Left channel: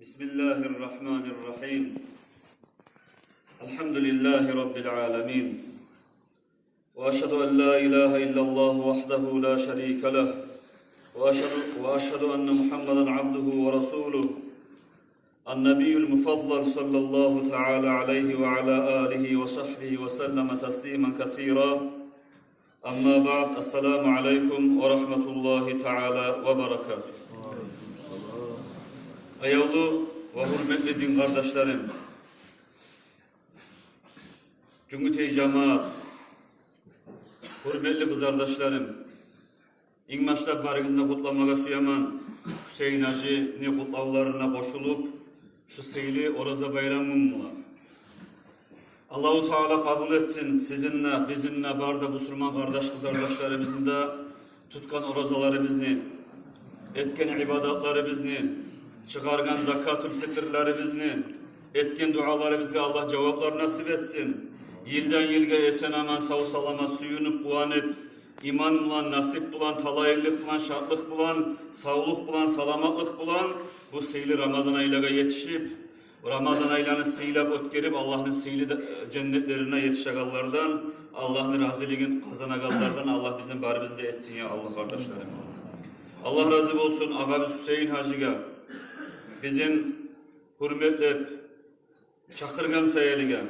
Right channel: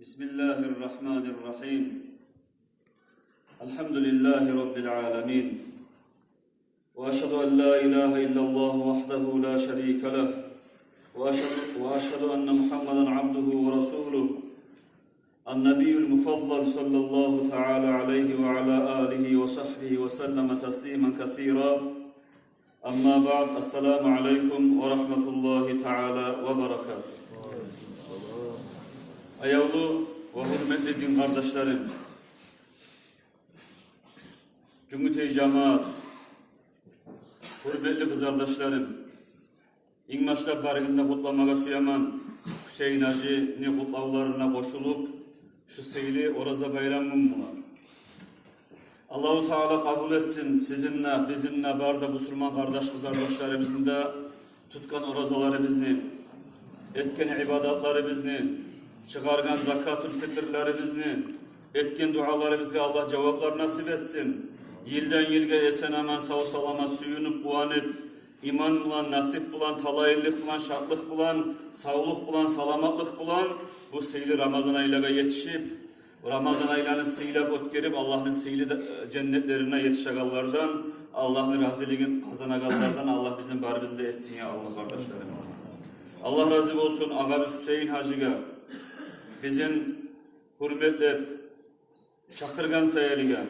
Bismillahirrahmanirrahim. Elhamdülillahi Rabbil alemin. Ve eşhedü en la ilahe illallah vahdehu la şerike leh. Ve eşhedü enne Muhammeden abduhu ve resuluh. El-Nebiyyül Mufaddal sallallahu teala aleyhi ve ala alihi ve sahbihi ve sellem teslimen kethira. Amma ba'd. Esselamu aleyküm ve rahmetullahi teala ve berekatuhu. Hayırlı ve hürmetli din kardeşlerim, Cumhuriyet cemaat, hürmetli kız kardeşlerim, ilk başta barınızda kutlamağa siyaman Hüseyin Hacı'nın kutlavlarına koşulup şu seyli Oraza bayramımla Allah-u Teala kabul etsin sizinle, bizimle, barda Müslüman kardeş kız kardeşlerimizin de tutkan orazalarımızı, etken ibadatlarımızı, çıkargan zakatül fitrlerimizni, etkin dualarımızga Allah cevaplar nasip etsin. Yilden yilge esen aman sağ salamat suyunup uanıp, iman bulan, nasip bulan, talayırlık bulan, şartlık bulan, sağlık bulan, salamatlık bulan, bu seyli Ramazan aylarına yetişip, Ramazan aylarını seylep ötkerip, Allah'ın seyli cennetlerine yetişegallardan, Allah'ın raziliğin kazanagallardan, Allah bizim barımızı da etsin ya Allah kardeşlerim. Allah razı olsun ağabey Hüseyin Hacı'ga, bizim hürmetle çakırgan sayeligen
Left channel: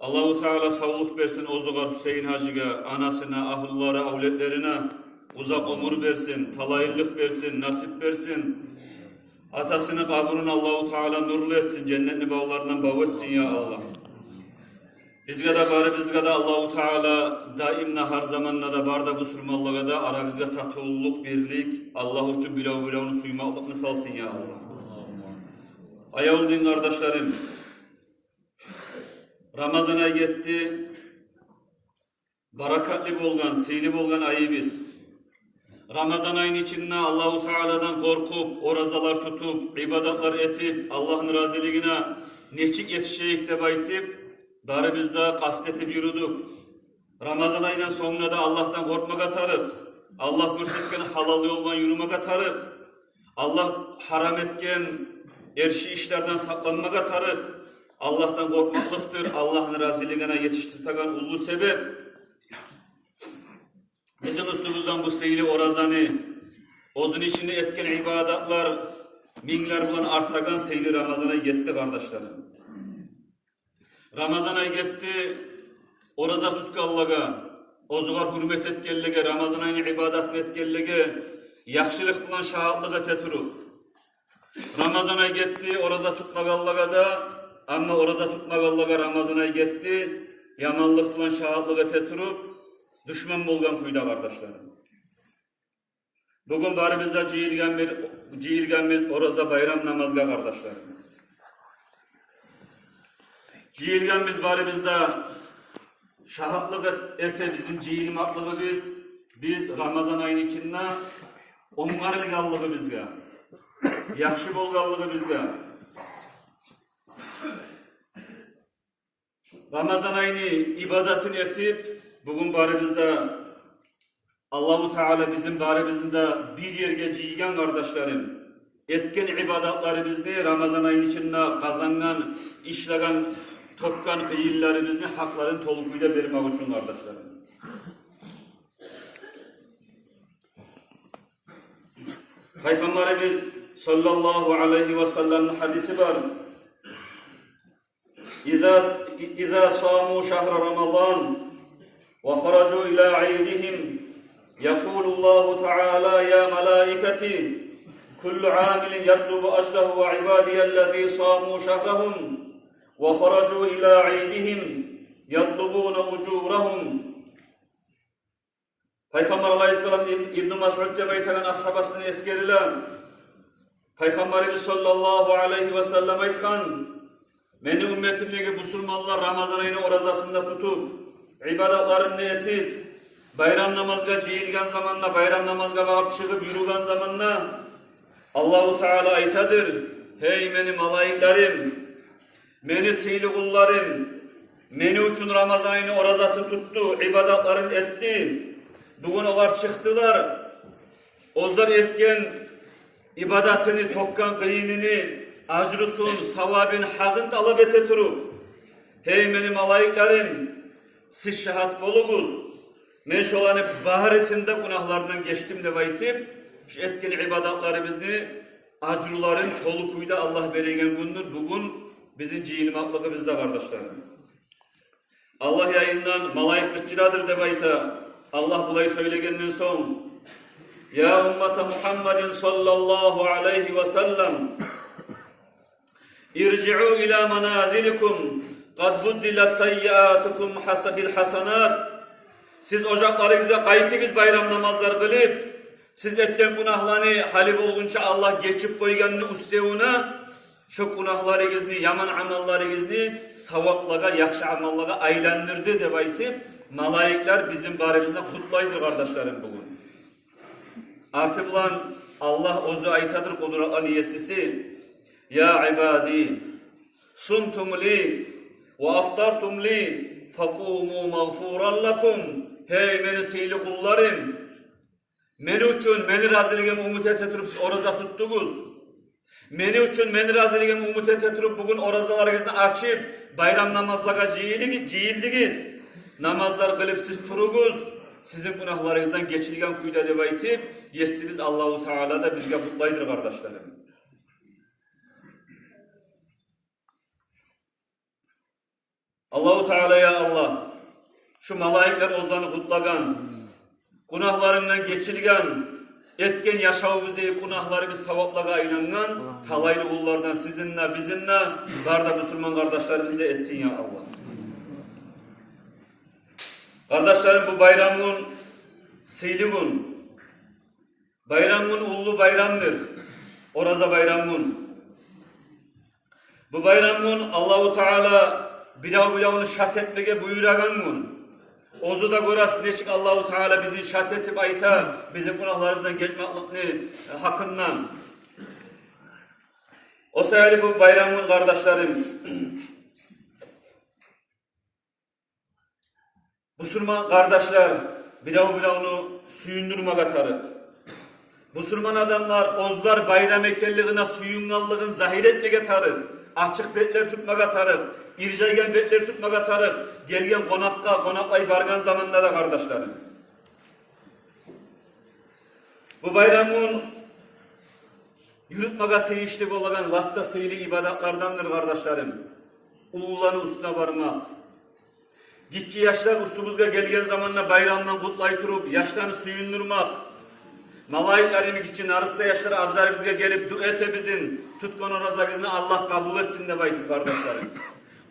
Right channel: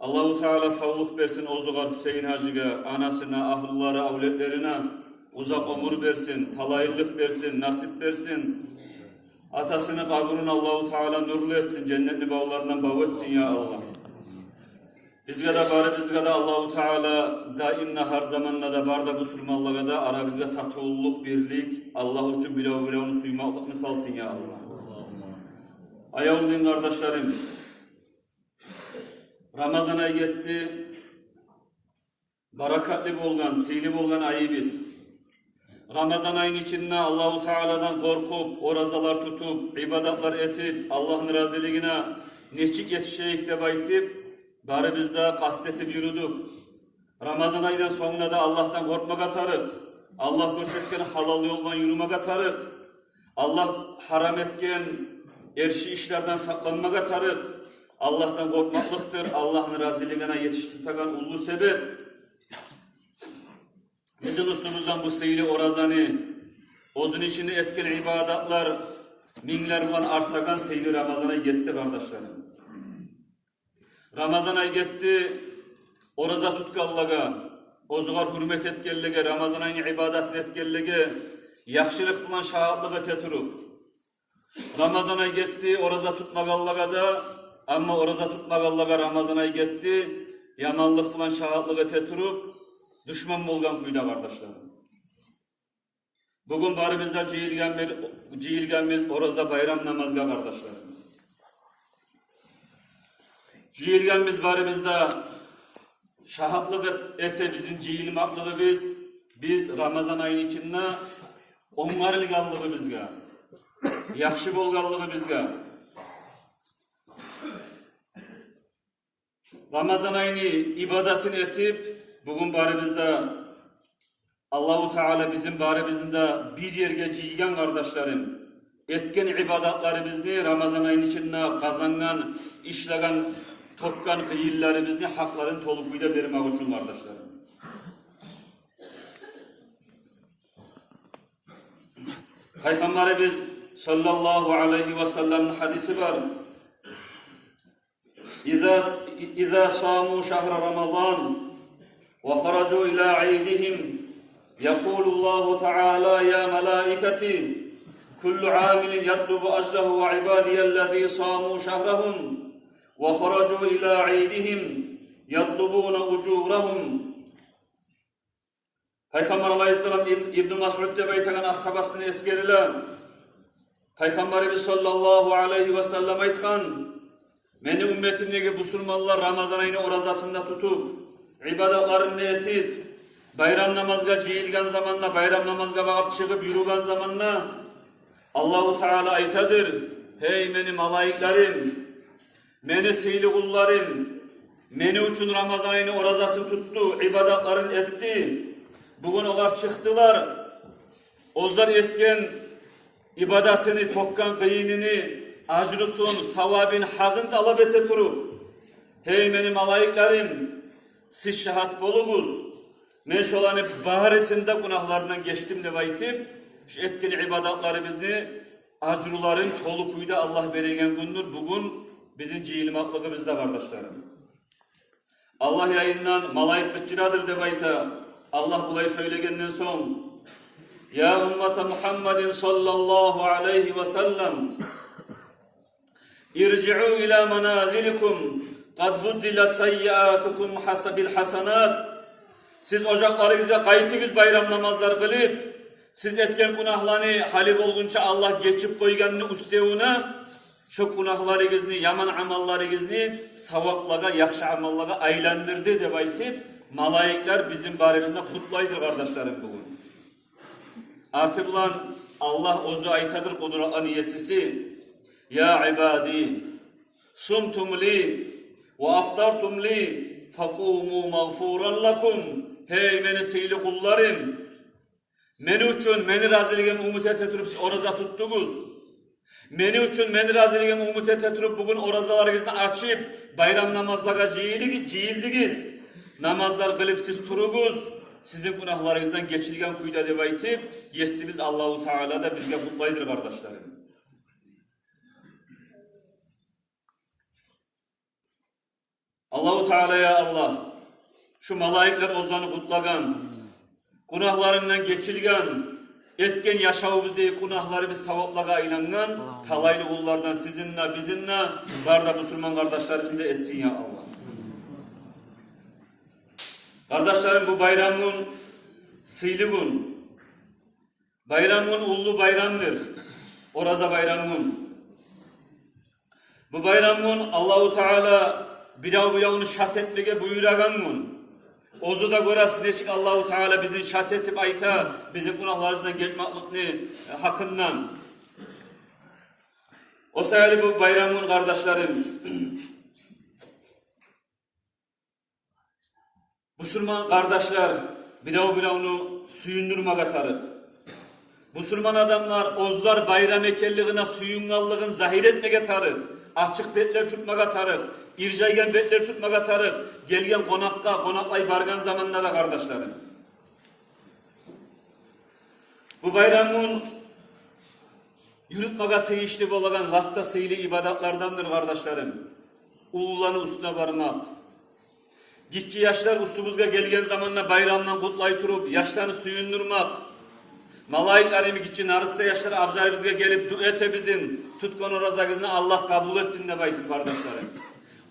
Allah-u Teala sağlık versin ozugar Hüseyin Hacı'ga, anasına, ahullara, avletlerine uzak ömür versin, talayırlık versin, nasip versin. Atasının kabrını Allah-u Teala nurlu etsin, cennetli bağlarından bağ etsin ya Allah. Bizge de bari bizge de Allah-u Teala daimna her zamanla da barda Müslümanlığa da aramızda tatlılluk, birlik, Allah için bile onu suymaklıkını salsın ya Allah. Ayol din kardeşlerim, Ramazan'a gitti, barakatli bolgan, seyli bolgan ayı biz. Ramazan ayının içinde Allah-u Teala'dan korkup, orazalar tutup, ibadatlar etip, Allah'ın raziliğine neçik yetişeyik de baytip, bari biz de kastetip yürüdük. Ramazan ayının sonuna da Allah'tan korkmak atarık. Allah gösterken halal yoldan yürümek atarık. Allah haram etken erşi işlerden saklanmak atarık. Allah'tan korkmaklıktır. Allah'ın raziliğine yetiştirten ulu sebep. Bizim üstümüzden bu seyli orazanı, ozun içinde etken ibadatlar, binler bulan artagan seyli Ramazan'a gitti kardeşlerim. Ramazan'a gitti, oraza tutkallaga, ozugar hürmet etkellige, Ramazan ayının ibadat etkellige, yakşılık bulan şahatlığı teturup. Ramazan'a gitti, oraza tutmagallaga da, ama oraza tutmagallaga Ramazan'a gitti, yamanlık bulan şahatlığı teturup, düşman bolgan kuyda kardeşlerim. Bugün barimizde cihilgenmiz oraza bayram namazga kardeşlerim. Cihilgenmiz barimizde şahatlık ete bizim cihilmaklığı biz Ramazan ayının içinde ongarılgallığı bizge, yakşı bolgallığı bizge. Ramazan ayını ibadatını etip, bugün barimizde Allah-u Teala bizim barimizde bir yerge cihilgen kardeşlerim, etken ibadatlarımızı Ramazan ayının içinde kazangan, işlegen, topkan kıyıllarımızı hakların tolukuyla vermek için kardeşlerim. Peygamberimiz sallallahu aleyhi ve sellem'in hadisi var. İza samu şahra Ramazan ve haracu ila aydihim yekulullahu teala ya melaiketi kullu amilin yatlubu ajlahu ve ibadiyellezî samu şahrahum ve haracu ila aydihim yatlubuna ucurahum. Peygamber aleyhisselam İbn-i Mas'ud'da beytegan ashabasını eskeriler. Peygamberimiz sallallahu aleyhi ve sellem aytkan, meni ümmetimdeki Müslümanlar Ramazan ayını orazasında tutup, ibadatlarını etip, bayram namazga cihilgen zamanla, bayram namazga bağıp çıkıp yürügen zamanla, Allah-u Teala aytadır, hey meni malayiklerim, meni seyli kullarım, meni üçün Ramazan ayını orazasını tuttu, ibadatlarını etti. Bugün onlar çıktılar, ozlar etken ibadatını, tokkan kıyınını, acrusun, savabın, haqın talep ete turup, hey meni malayiklerim, siz şehat bolunuz. Men şolanı baharesinde günahlarından geçtim de baytip, şu etkin ibadatlarımızı acruların tolu kuyda Allah beregen gündür. Bugün bizim cihilmaklığı bizde kardeşlerim. Allah yayından malayik gıçıradır de bayta. Allah bulayı söylegenden son. Ya ümmete Muhammedin sallallahu aleyhi ve sellem. İrci'u ila manazilikum. Kad buddilet seyyiatukum bil hasanat. Siz ocaklarınıza kayıtınız bayram namazlar kılıp, siz etken günahlarını halif olgunca Allah geçip koyganını üstevuna, şu günahlarınızı, yaman amallarınızı savaklığa, yakşı amallığa aylandırdı de baytip, malayikler bizim baremizde kutlaydır kardeşlerim bugün. Artık lan Allah ozu aytadır kudretli niyesisi. Ya ibadi, sumtum li ve aftartum li fakumu mağfuran lakum. Hey meni seyli kullarım. Meni üçün meni razılığımı umut etetirip oraza tuttunuz. Meni üçün meni razılığımı umut etetirip bugün orazalarınızı açıp bayram namazlara cihildiniz. Namazlar kılıp siz turunuz. Sizin günahlarınızdan geçilgen kuyda deva itip yesimiz Allahu Teala da bizge mutlaydır kardeşlerim. Allahu Teala ya Allah. Şu malayikler ozanı kutlagan, günahlarından geçilgen, etken yaşavımızda günahlarımız savaplığa inanan, talaylı kullardan sizinle, bizimle, barda Müslüman kardeşlerimiz de etsin ya Allah. Kardeşlerim bu bayramın seyli gün, bayramın ulu bayramdır, oraza bayramın. Bu bayramın Allahu Teala biravunu şart etmeye buyuragan gün. Ozu da görəsiz deşik Allahu Teala bizim şart etip ayta, bizim günahlarımızdan geçmaklıkını hakkından. O sayılı bu bayramın kardeşlerim, Müslüman kardeşler biravunu suyundurmağa tarık. Müslüman adamlar ozlar bayram ekelliğine suyunnallığın zahir etmeye tarık. Açık betler tutmağa tarık. İrcaygen betler tutmağa tarık. Gelgen konaklay bargan zamanlarda kardeşlerim. Bu bayramın yürütmağa teyişli olan vakta seyli ibadatlardandır kardeşlerim. Uluların üstüne varmak. Gitçi yaşlar ustumuzga gelgen zamanla bayramdan kutlayıp durup yaşlarını suyundurmak. Malayiklerim için arısta yaşlar abzar bizge gelip duete bizim tutkun orazagızını Allah kabul etsin de baytım kardeşlerim.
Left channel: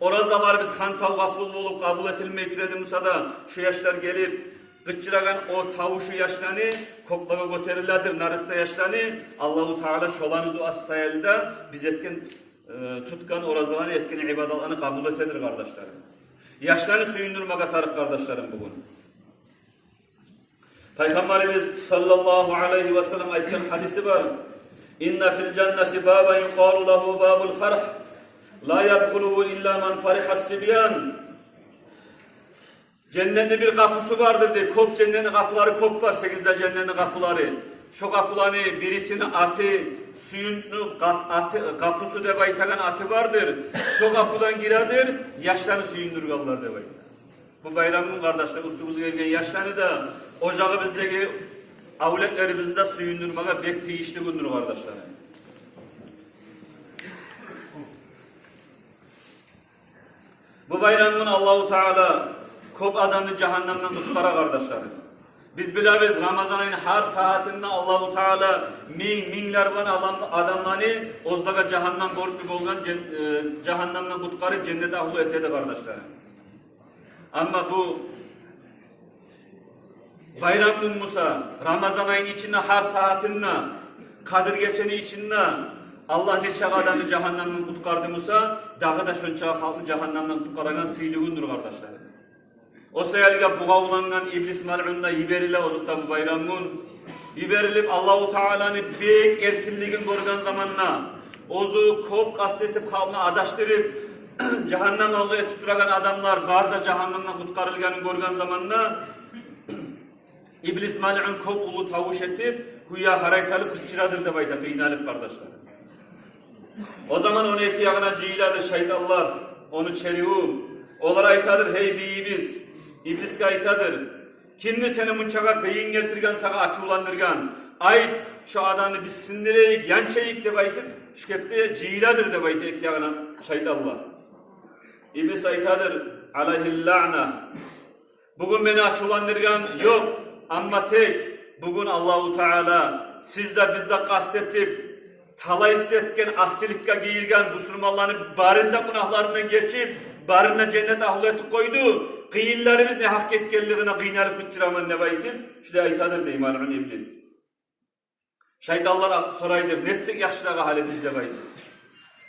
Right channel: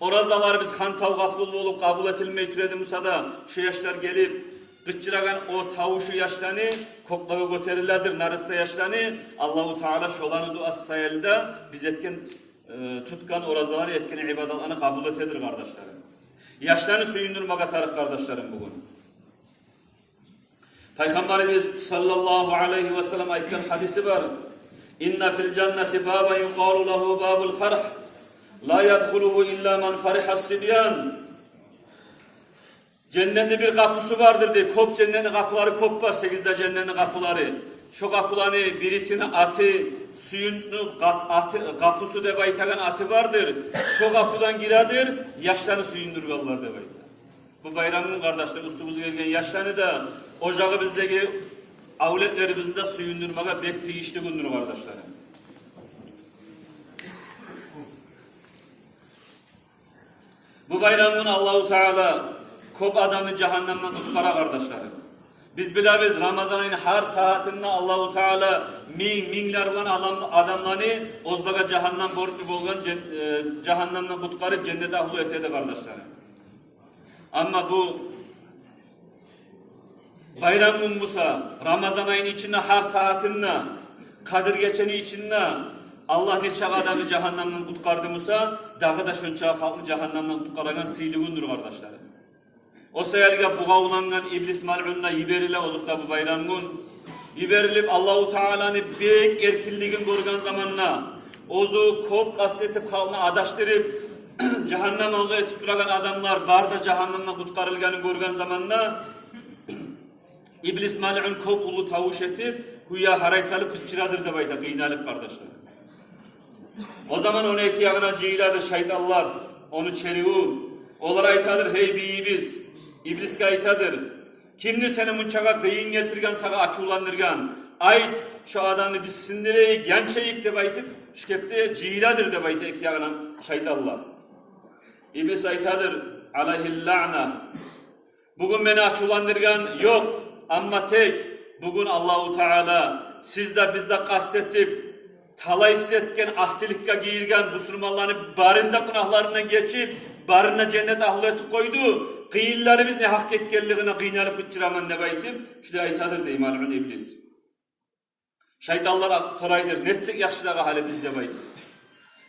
Orazalar biz hantal gaflulu olup kabul etilmeyi türedi Musa'da şu yaşlar gelip gıççıragan o tavuşu yaşlarını koklağı göterirlerdir narısta yaşlarını Allahu Teala şolanı duası sayılda biz etken tutkan orazaların etkin ibadatlarını kabul etedir kardeşlerim. Yaşlarını suyundurmağa tarık kardeşlerim bugün. Peygamberimiz sallallahu aleyhi ve sellem ayetken hadisi var. İnne fil cenneti baba yuqalu lehu babul farh. La yadkhuluhu illa man farihas sibyan. Cennette bir kapısı vardır diye. Kop cennetin kapıları kop var. 8'de cennetin kapıları. Şu kapıları birisine atı, suyunu kapısı de baytagan atı vardır. Şu kapıdan giradır, yaşlarını suyundururlar de baytagan. Bu bayramın kardeşler ustumuz gelgen yaşlarını da ocağı bizdeki avletlerimizde suyundurmağa bektiği işte bundur kardeşler. Bu bayramın Allahu Teala kop adamı cehennemden tutkara kardeşlerim. Biz biliriz Ramazan ayının her saatinde Allahu Teala minler olan adamları ozlaga cehennem borçlu olan cehennemden tutkarıp cennete ahlu etedi kardeşlerim. Ama bu bayramın Musa Ramazan ayının içinde her saatinde Kadir geçeni içinde Allah neçe adamı cehennemden tutkardı Musa dağı da şunça halkı cehennemden tutkaragan seyliğindir kardeşlerim. O seyirge buğavlanan iblis mal'unla yiberile ozukta bu bayramın yiberilip Allahu Teala'nı büyük erkinliğin görgen zamanla ozu kop kastetip kalına adaştırıp cehennem yolu etip duragan adamlar barda cehennemden kutkarılganı görgen zamanla iblis mal'un kop ulu tavuş etip huya haray salıp kıçıradır da bayta kıynalıp kardeşler. O zaman onu iki yağına cihiladi şeytanlar, onu çeriğu. Olar aytadır, hey biyimiz, İbliske aytadır. Kimdir seni munçağa kıyın getirgen, sana açılandırgan? Ait şu adamı biz sindireyik, yançayık de baytıp, şükepte cihiladır de baytı iki yağına şeytanlar. İblis aytadır, aleyhillâna. Bugün beni açılandırgan yok ama tek, bugün Allahu Teala sizde bizde kastetip, talay hissetken, asilikka giyilgen Müslümanların barında günahlarından geçip, barına cennet ahliyeti koydu. Kıyılları biz ne hak etkenliğine kıynalıp bıçıraman ne baytım? İşte aytadır deyim alın iblis. Şeytanlar soraydır, netsek yakşılağı hali bizde baytım.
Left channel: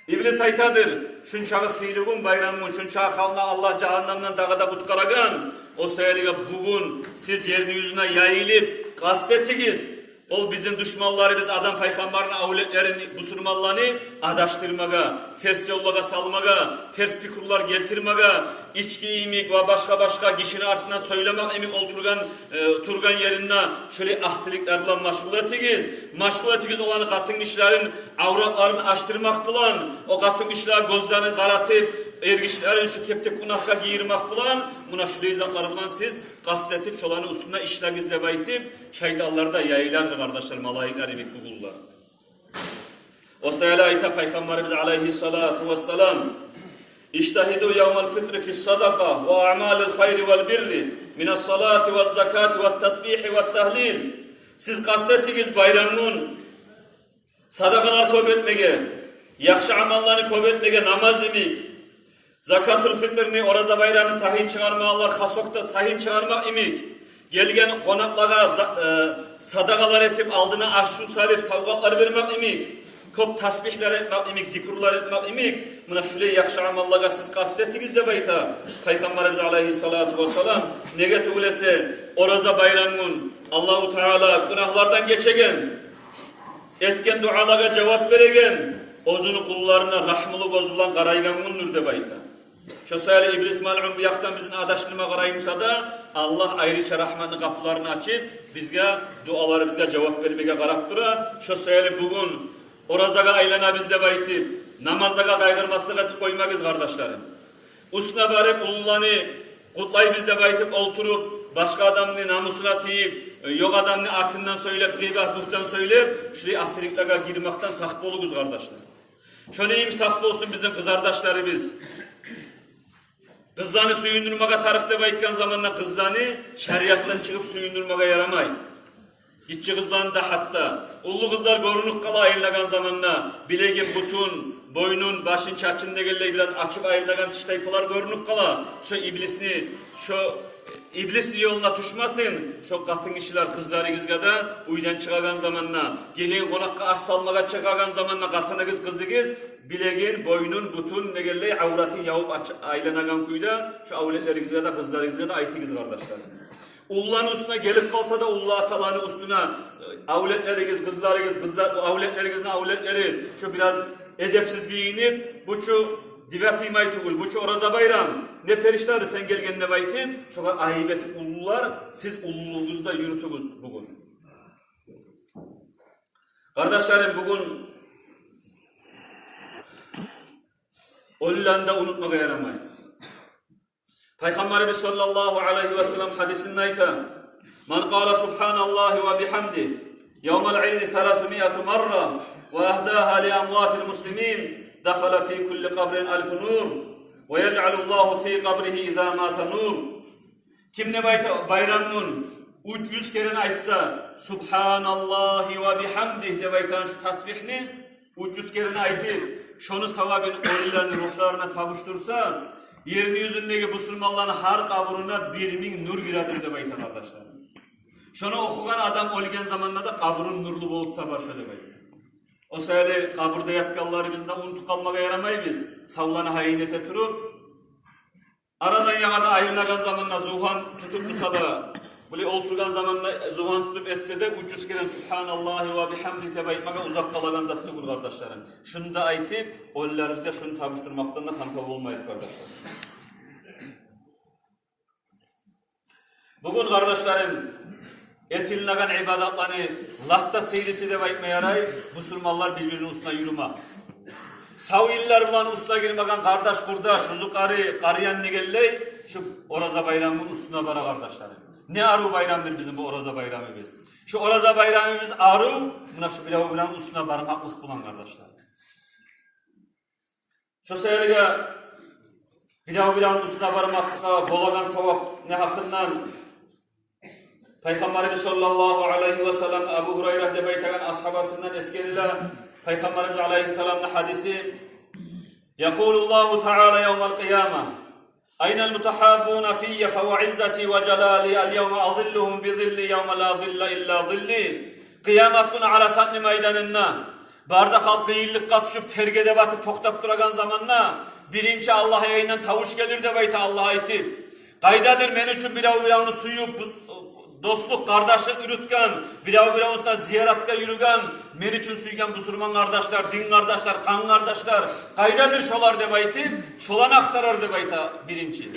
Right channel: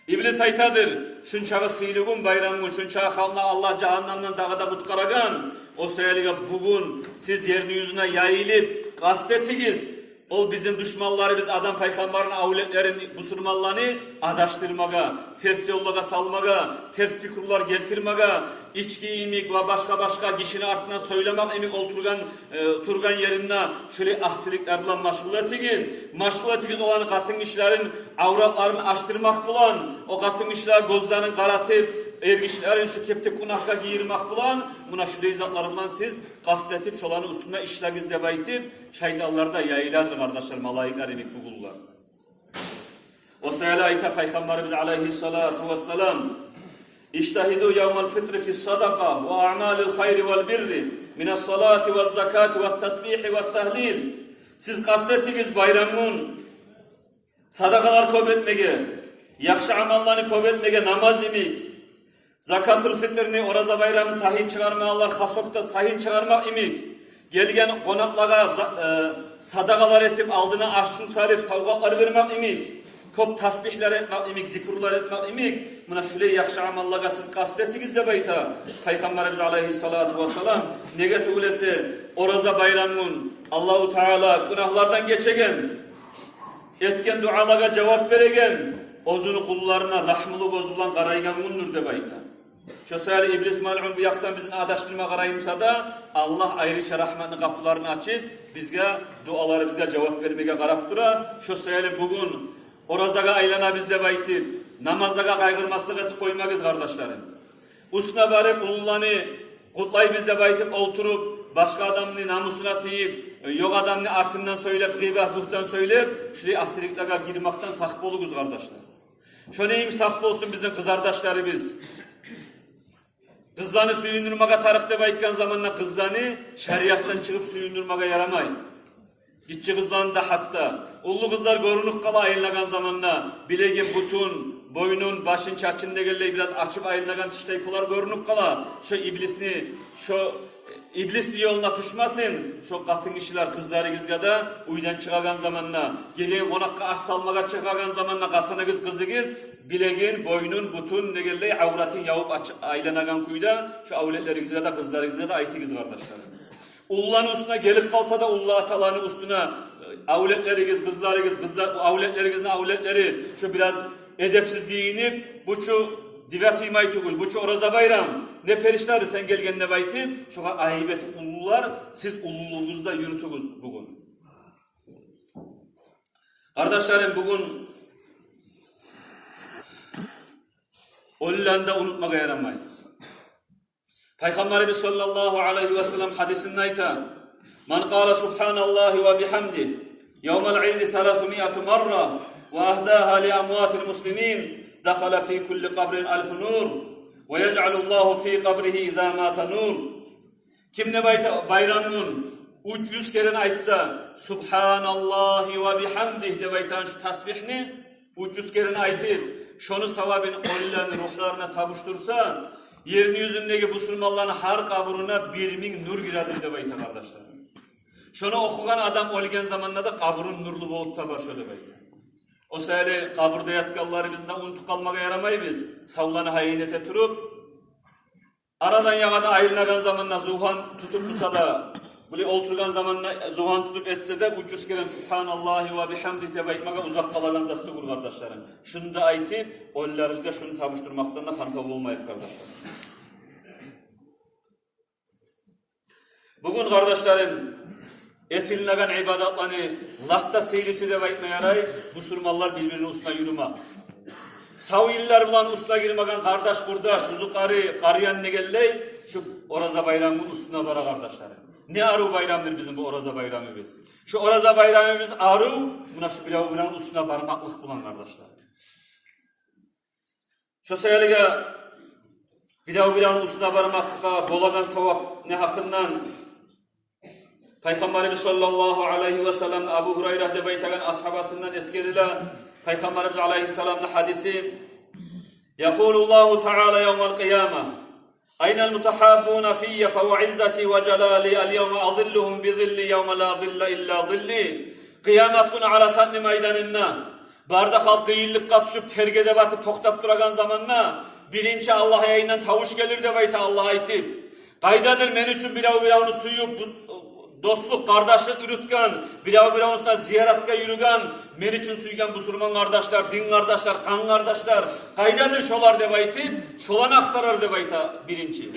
İblis aytadır, şunçağı sıylığın bayramın, şunçağı halına Allah cehannamdan dağda kutkaragan, o sayılığa bugün siz yerin yüzüne yayılıp, kastetiniz, o bizim düşmanları, biz adam peygamberin avletlerini, Müslümanlarını adaştırmaga, ters yollaga salmaga, ters fikirler getirmega, içki imik ve başka kişinin ardından söylemek imik turgan yerine şöyle ahsiliklerle maşgul etiniz. Maşgul etiniz olan katın işlerin avratlarını açtırmak bulan, o katın işler gözlerini karatıp, ergişlerin şu kepte kunahka giyirmek bulan, buna şu rezatlarından siz kastetip şolanın üstüne işleviz de baytip, şeytanlar da yayıladır kardeşler, malayikler imik bulurlar. O sayıla ayta Peygamberimiz aleyhissalatu vesselam İştahidu yevmel fitri fis sadaka ve a'malil hayri vel birri minas salati ve zakati ve tesbihi ve tehlil. Siz kastetiniz bayramın sadakalar kuvvetmege, yakşı amallarını kuvvetmege, namaz imik, zakatul fitrini, oraza bayramı sahin çıkarmalar, hasokta sahin çıkarmak imik, gelgen konaklara sadakalar etip aldığına aşçı sarıp savgatlar vermek imik, kop tasbihler etmek imik, zikrullar etmek imik, buna şöyle yakşı amallara siz kastettiniz de bayta. Peygamberimiz aleyhissalatu vesselam nege tuğlese oraza bayramın Allahu Teala günahlardan geçegen, etken dualara cevap veregen, ozunu kullarına rahmılı bozulan karayganındır de bayta. Şu sayılı iblis mal'un bu yaktan bizim adaşlığıma karayımsa da Allah ayrıca rahmanın kapılarını açıp bizge duaları bizge cevap vermeye karap dura. Şu sayılı bugün orazaga aylana bizde baytip namazdaga kaygırmaslığa koymayız kardeşlerim. Usuna barıp ululani kutlay bizde baytip oturup başka adamını namusuna tiyip yok adamını artından söyleyip gıybah buhtan söyleyip şuraya asırlıklara girmekten sakp oluguz kardeşler. Şöyle sakp olsun bizim kız kardeşlerimiz. Kızlarını suyundurmaga tarıkta bayıkken zamanla kızlarını şeriattan çıkıp suyundurmaga yaramay. İççi kızlarını da hatta. Ullu kızlar görünük kala ayınlagan zamanla bilegen butun, boynun, başın çaçında gelle biraz açık ayınlagan tiştaypolar görünük kala. Şu iblisli yoluna düşmasın. Şu katın kişiler kızları gizgada uydan çıkagan zamanla, gelen konakka aş salmaga çıkagan zamanla katını kızı bilegen, boynun, butun, ne gelle avratın yavup aylanagan kuyda şu avletleri gizgada, kızları gizgada aytınız kardeşler. Ulların üstüne gelip kalsa da ullu ataların üstüne avletleriniz, kızlar, avletlerinizin avletleri şu biraz edepsiz giyinip bu şu divat imayı tukul, bu şu oraza bayram ne perişleri sen gelgen ne baytım şu ayıbet ullular siz ulluluğunuzda yürütünüz bugün. Kardeşlerim bugün Hollanda unutmaya yaramayın. Peygamberimiz sallallahu aleyhi ve sellem hadisinde ayta "Men qala subhanallahi ve bihamdi yevmel illi 300 marra ve ahdaha li amwatil muslimin dakhala fi kulli qabrin 1000 nur ve yec'alullahu fi qabrihi iza mata nur." Kim ne bayramın 300 kere aytsa subhanallahi ve bihamdi de baytan şu tasbihni 300 kere aytıp şonu savabını onların ruhlarına tavuştursa yerin yüzündeki Müslümanların her kaburuna 1000 nur giradır de bayta kardeşler. Şunu okuyan adam olgen zamanında da kaburun nurlu bolup da başladı bayta. O sayılı kaburda yatkalları bizden unutup kalmaya yaramayı biz. Savlanı haynete turup aradan yağada ayrılagan zamanla zuhan tutup tutsa da böyle oturgan zamanla zuhan tutup etse de 300 kere Subhanallahi ve bihamdi tebayitmaka uzak kalagan zattı bu kardeşlerim. Şunu da aytıp oylarımıza şunu tabuşturmaktan da kantalı olmayıp kardeşlerim. Bugün kardeşlerim etinlagan ibadatlarını latta seyrisi de bayitme yaray Müslümanlar birbirinin üstüne yürüme. Sav iller bilan usla girmegen kardeş kurdaş, uzu karıyan ne gelley, şu Oraza bayramının üstüne bara kardeşlerim. Ne arı bayramdır bizim bu Oraza bayramımız. Şu Oraza bayramımız arı, buna şu bilavı üstüne barmaklık bulan kardeşler. Şu seyrege bilavı üstüne barmaklıkta boladan savap ne hakkından Peygamberimiz sallallahu aleyhi ve sellem Ebu Hureyre de beytegen ashabasından eskerilen Peygamberimiz aleyhisselam'ın hadisi Yekulullahu Teala yevmel kıyama Aynel mutahabbuna fiyye fev'izzeti ve celali el yevme azilluhum bi zilli yevme la zille illa zilli Kıyamet günü Arasatni meydanında barda halk gıyillik kapışıp tergede batıp toktap duragan zamanla birinci Allah'a yayından tavuş gelir de beyte Allah'a itip Kaydadır men üçün biravını suyu dostluk, kardeşlik yürütken, biravına ziyaretka yürügen, men üçün suygen Müslüman kardeşler, din kardeşler, kan kardeşler, kaydadır şolar debayti, şolan aktarar debayta birinci.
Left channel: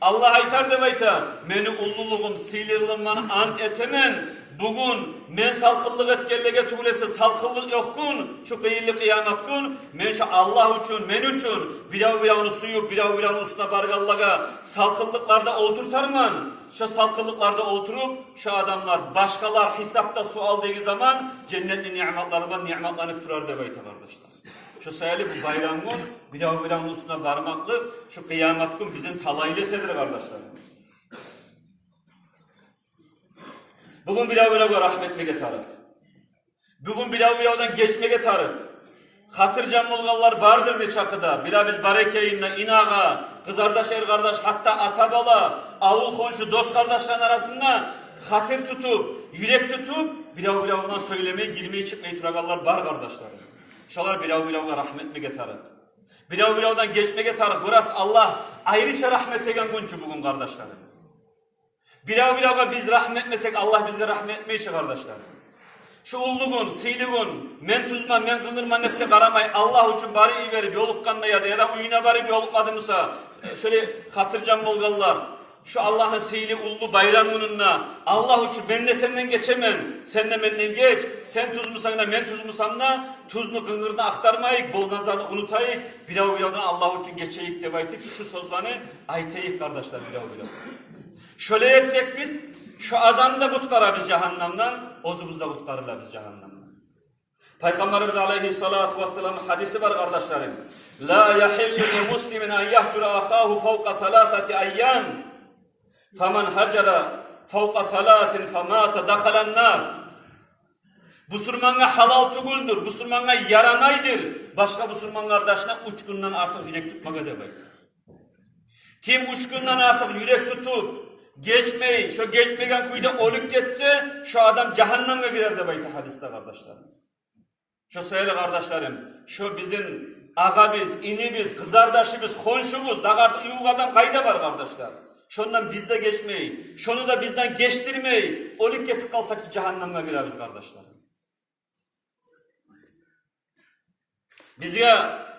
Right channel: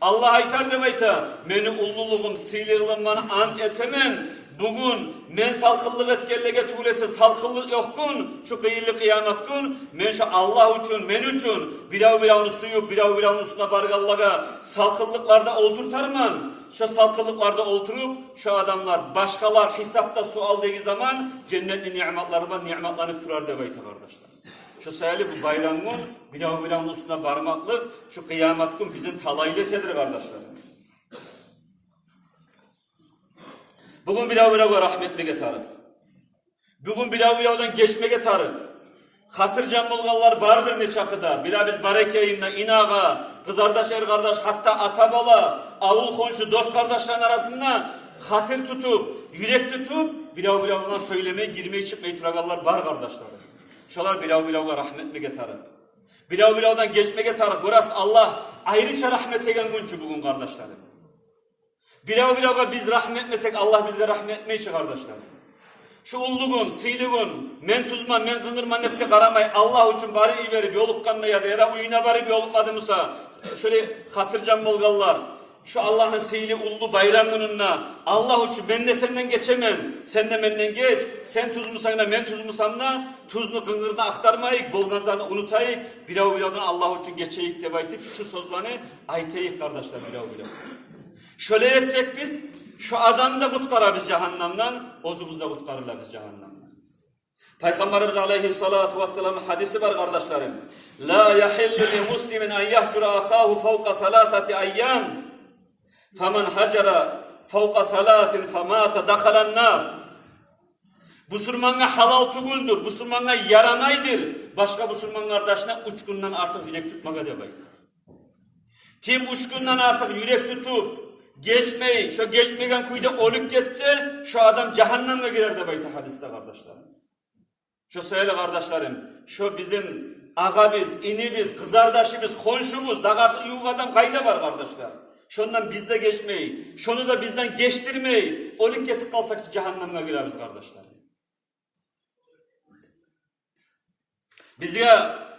Allah aytar debayta, meni ulluluğum, silirliğimden ant etemen, bugün men salkıllık etkenlege tuğlesi salkıllık yokkun, şu kıyırlı kıyamet gün, men şu Allah üçün, men üçün, biravını suyu, biravını üstüne bargallaga salkıllıklarda oldurtarman, şu salkıllıklarda oturup, şu adamlar, başkalar hesapta sual dediği zaman, cennetli nimetlerden nimetlenip durar debayta kardeşler. Şu sayılı bu bayramın, biravını üstüne barmaklık, şu kıyamet gün bizim talaylı tedir kardeşler. Bugün biravına rahmetli getarık. Bugün biravdan geçme getarık. Hatırcan bulganlar bardır ne çakıda. Bila biz barekeyinle inağa, kızardaş er kardeş, hatta atabala, avul konşu, dost kardeşlerin arasında hatır tutup, yürek tutup, biravdan söylemeye, girmeye çıkmayı turagallar bar kardeşlerim. Şolar biravına rahmetli getarık. Biravdan geçme getarık. Burası Allah ayrıca rahmet egen günçü bugün kardeşlerim. Biravına biz rahmetmesek Allah bize rahmetmeyecek kardeşler. Şu ulluğun, siliğun, men tuzman, men kınırman nefte karamay Allah için bari iyi verip yolukkanla ya da uyuna barip yolukmadı Musa. Şöyle hatırcan bolgallar. Şu Allah'ın sili ullu bayram gününde Allah için ben de senden geçemem. Sen de benden geç. Sen tuz musan da men tuz musan da tuzlu kıngırda aktarmayık. Bolganzada unutayık. Biravıyadan Allah için geçeyik de baytip şu sözlerini aytayık kardeşler biravıyadan. Şöyle etsek biz, şu adam da kutkara biz cehennemden, ozumuz da kutkarırlar biz cehennemden. Peygamberimiz aleyhissalatu vesselam hadisi var kardeşlerim. La yahillu bi muslimin en yahcura ahahu fevka salatati ayyam. Femen hacera fevka salatin femata dakhalan nar. Müslümana halal tuguldur, Müslümana yaranaydır. Başka Müslüman kardeşine 3 günden artık yürek tutmak demek. Kim 3 günden artık yürek tutup, geçmeyin, şu geçmegen kuyuda olup geçse, şu adam cehenneme girer de bayta hadiste kardeşlerim. Şu söyle kardeşlerim, şu bizim ağabeyimiz, inimiz, kızardaşımız, konşumuz, da artık yuvadan kayda var kardeşler. Şundan biz de geçmeyin, şunu da bizden geçtirmeyin, olup geçip kalsak cehenneme gireriz kardeşlerim. Bize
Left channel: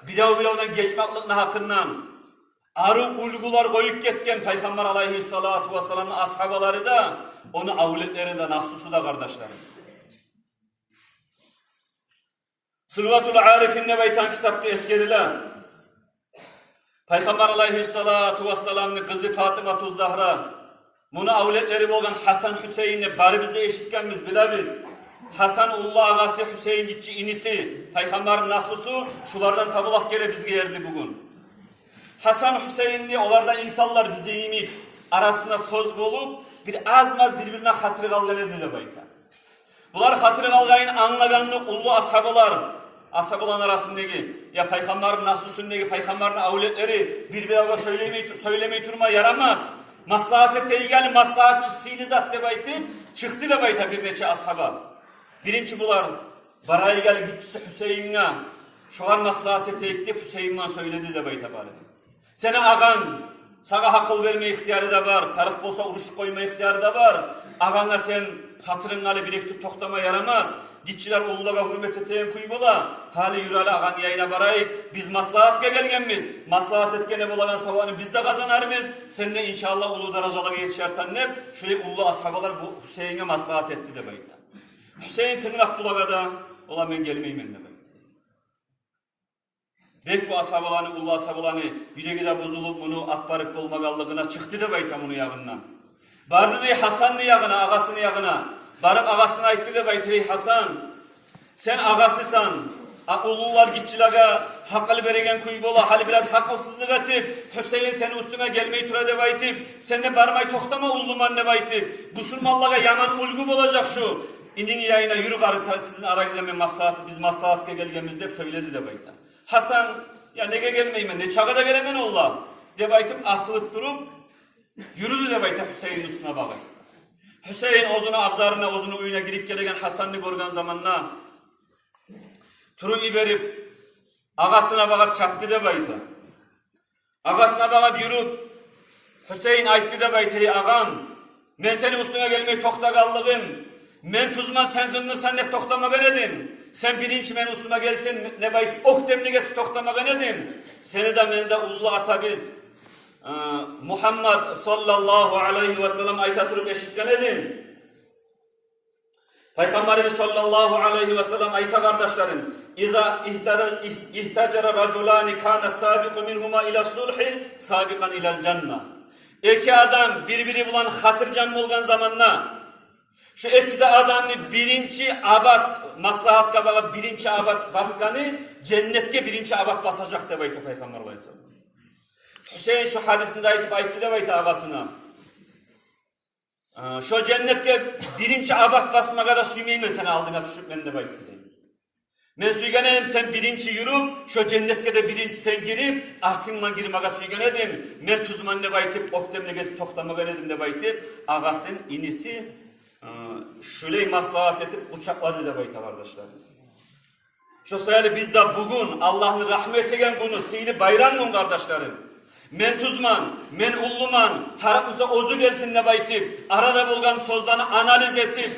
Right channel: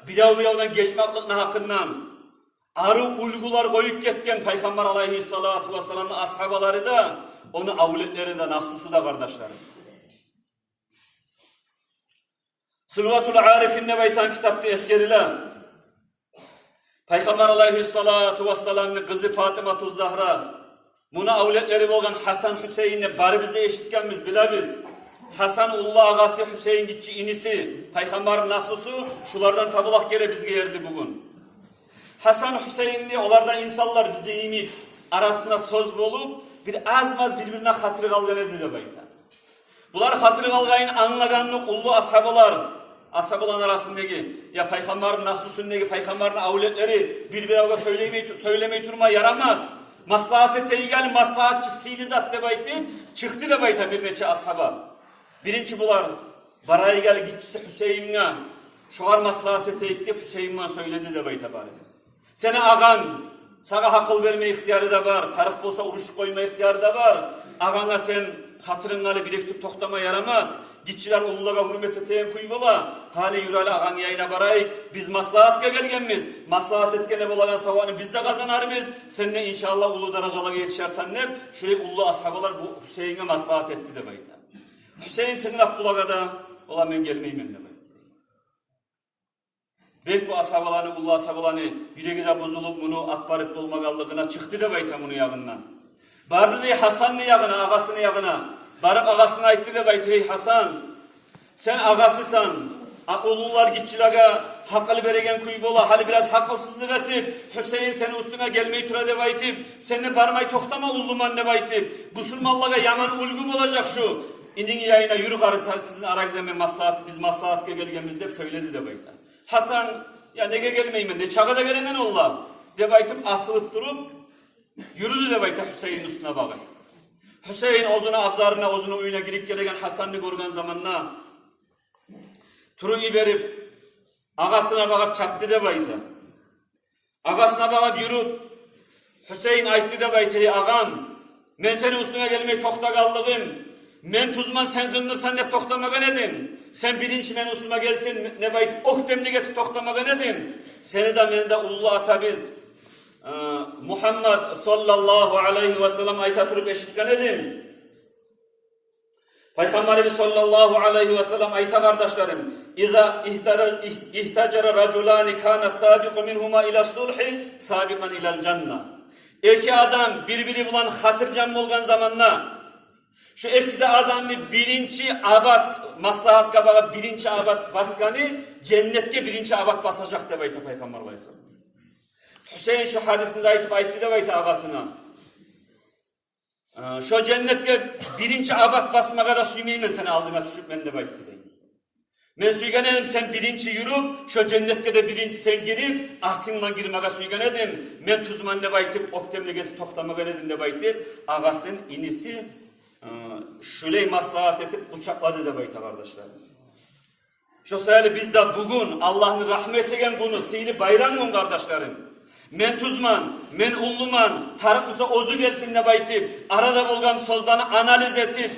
bilavdan geçmeklik ne hakkından, arı ulgular koyup ketken Peygamber aleyhissalatu vesselam'ın ashabaları da onu avletlerinden ahsusu da kardeşlerim. Sulvatul Arif'in beytan kitapta eskerilen Peygamber aleyhissalatu vesselam'ın kızı Fatıma Zahra bunu avletleri olan Hasan Hüseyin'le bari bize eşitkenmiz bilebiz. Hasan ullah ağası Hüseyin gitçi inisi Peygamber'in ahsusu şulardan tabulak gere biz geldi bugün. Hasan Hüseyinli onlardan insanlar bizi inip arasında söz bulup bir azmaz birbirine hatırı kalgaladı da bayta. Bunlar hatırı kalgayın anlaganlık ullu ashabaların arasındaki ya Peygamber'in nasusunundaki Peygamber'in avletleri birbirine söylemeyi durma yaramaz. Maslahat teygel maslahatçı sili zat de bayta çıktı da bayta bir neçe ashaba. Birinci bular barayı gel gitçisi Hüseyin'e şoğar maslahat teykti Hüseyin'e söyledi de bayta bari. Sene ağan, sana akıl verme ihtiyarı da var, tarif bolsa uç koyma ihtiyarı da var. Ağana sen hatırın alı biriktir toktama yaramaz. Gitçiler uluğa hürmet eteyen kuybola, hali yürali ağan yayına barayık. Biz maslahatka gelgenmiz, maslahat etkene bolagan savanı biz de kazanarımız. Sen de inşallah ulu darajalara yetişersenler, şöyle ulu ashabalar bu Hüseyin'e maslahat etti demektir. Hüseyin tırnak bulaga da, ola ben gelmeyim emme. Belki bu asabalanı, ulla asabalanı yüreği de bozulup bunu atbarıp olmagalığına çıktı da bayta bunu yağından. Bardı dey Hasan'ın yağına, ağasının yağına. Barıp ağasına ayttı da bayta, ey Hasan, sen ağasısan, ulullar gitçilaga hakkılı beregen kuybola, hali biraz hakkılsızlık atip, Hüseyin seni üstüne gelmeyi tura de baytip, seni barmay toktama ulluman ne baytip, Müslümanlığa yaman ulgum olacak şu. İndin yayına yürü karı sizin aranızda bir maslahat, biz maslahatke gelgemizde söyledi de bayta. Hasan, ya nege gelmeyim ne çağa da gelenen olla, de baytip atılıp durup, yürüdü de bayta Hüseyin'in üstüne bakın. Hüseyin ozunu abzarına, ozunu uyuna girip gelegen Hasan'ı görgen zamanla, Turu'yu verip ağasına bakıp çattı da bayta. Ağasına bakıp yürüp Hüseyin ayttı da bayta, ey ağam, ben senin üstüne gelmeyi tokta kaldığım, men tuzman sen kınırsan ne toktamaga nedim. Sen birinci men üstüme gelsin ne bayt ok demli getir toktamaga nedim. Seni de meni de ullu ata biz Muhammed sallallahu aleyhi ve sellem ayta turup eşitken edim. Peygamberimiz sallallahu aleyhi ve sellem ayta kardeşlerim, İza ihtacara raculani kana sabiqu minhuma ila sulhi sabiqan ilal cenna. İki adam birbiri bulan hatırcam olgan zamanla şu etkide adamı birinci abad maslahat kabağa birinci abad baskanı cennetke birinci abad basacak de bayta Peygamber Aleyhisselam. Hüseyin şu hadisinde ayıttı de bayta ağasına. Şu cennetke birinci abad basmaga da süymeyim seni aldığına düşüp ben de bayıttı deyim. Men suygan edim sen birinci yürüp, şu cennetke de birinci sen girip, ahtımla girmaga suygan edim. Men tuzman ne baytip, oktemle getip toktamaga edim de baytip, ağasının inisi şöyle maslahat edip uçakladı da bayta kardeşler. Şu sayılı biz de bugün Allah'ın rahmet egen bunu sihli bayramın kardeşlerim. Men tuzman, men ulluman, tarafımıza ozu gelsin ne baytip, arada bulgan sözlerini analiz etip,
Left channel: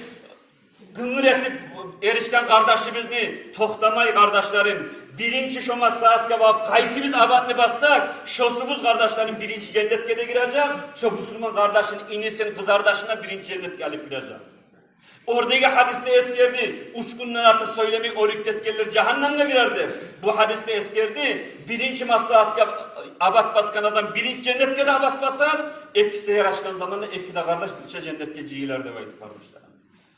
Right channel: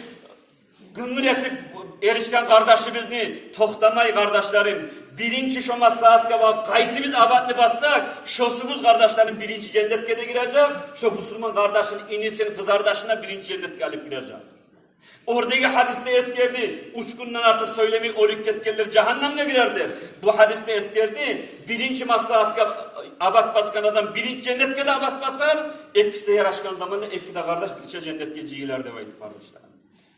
gınır etip erişken kardeşimizni toktamay kardeşlerim. Birinci şu maslahatka bak, kaysi biz abatlı bassak, şosumuz kardeşlerim birinci cennetke de girecek, şu Müslüman kardeşin inisinin kız kardeşine birinci cennetke alıp girecek. Oradaki hadiste eskerdi, uçkundan artık söylemek o rüktetkeler cehennemle girerdi. Bu hadiste eskerdi, birinci maslahatka abat baskan adam birinci cennetke de abat basar, ekisi de yaraşkan zamanla ekisi de kardeş bütçe cennetke cigilerde vaydı kardeşlerim.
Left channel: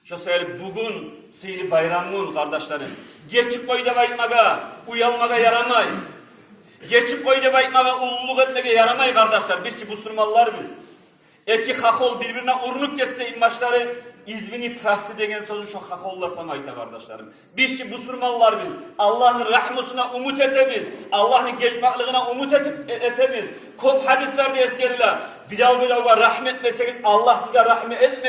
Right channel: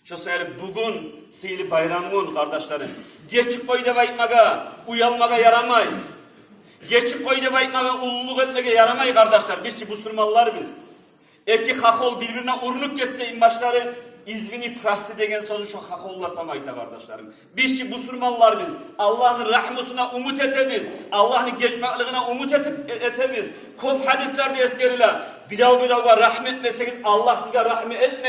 Şu sefer bugün sihli bayramın kardeşlerim. Geçik koyda baytmaga, uyalmaga yaramay. Geçik koyda baytmaga, ulluluk etmege yaramay kardeşler. Biz ki Müslümanlar biz. Eki hakol birbirine urunuk geçse imbaşları izmini prasti degen sözü şu hakollasam ayta kardeşlerim. Biz ki Müslümanlar biz. Allah'ın rahmusuna umut etebiz. Allah'ın geçmaklığına umut etebiz. Kop hadislerde eskeriler. Bir daha rahmet meseliz. Allah size rahmet etmeyin.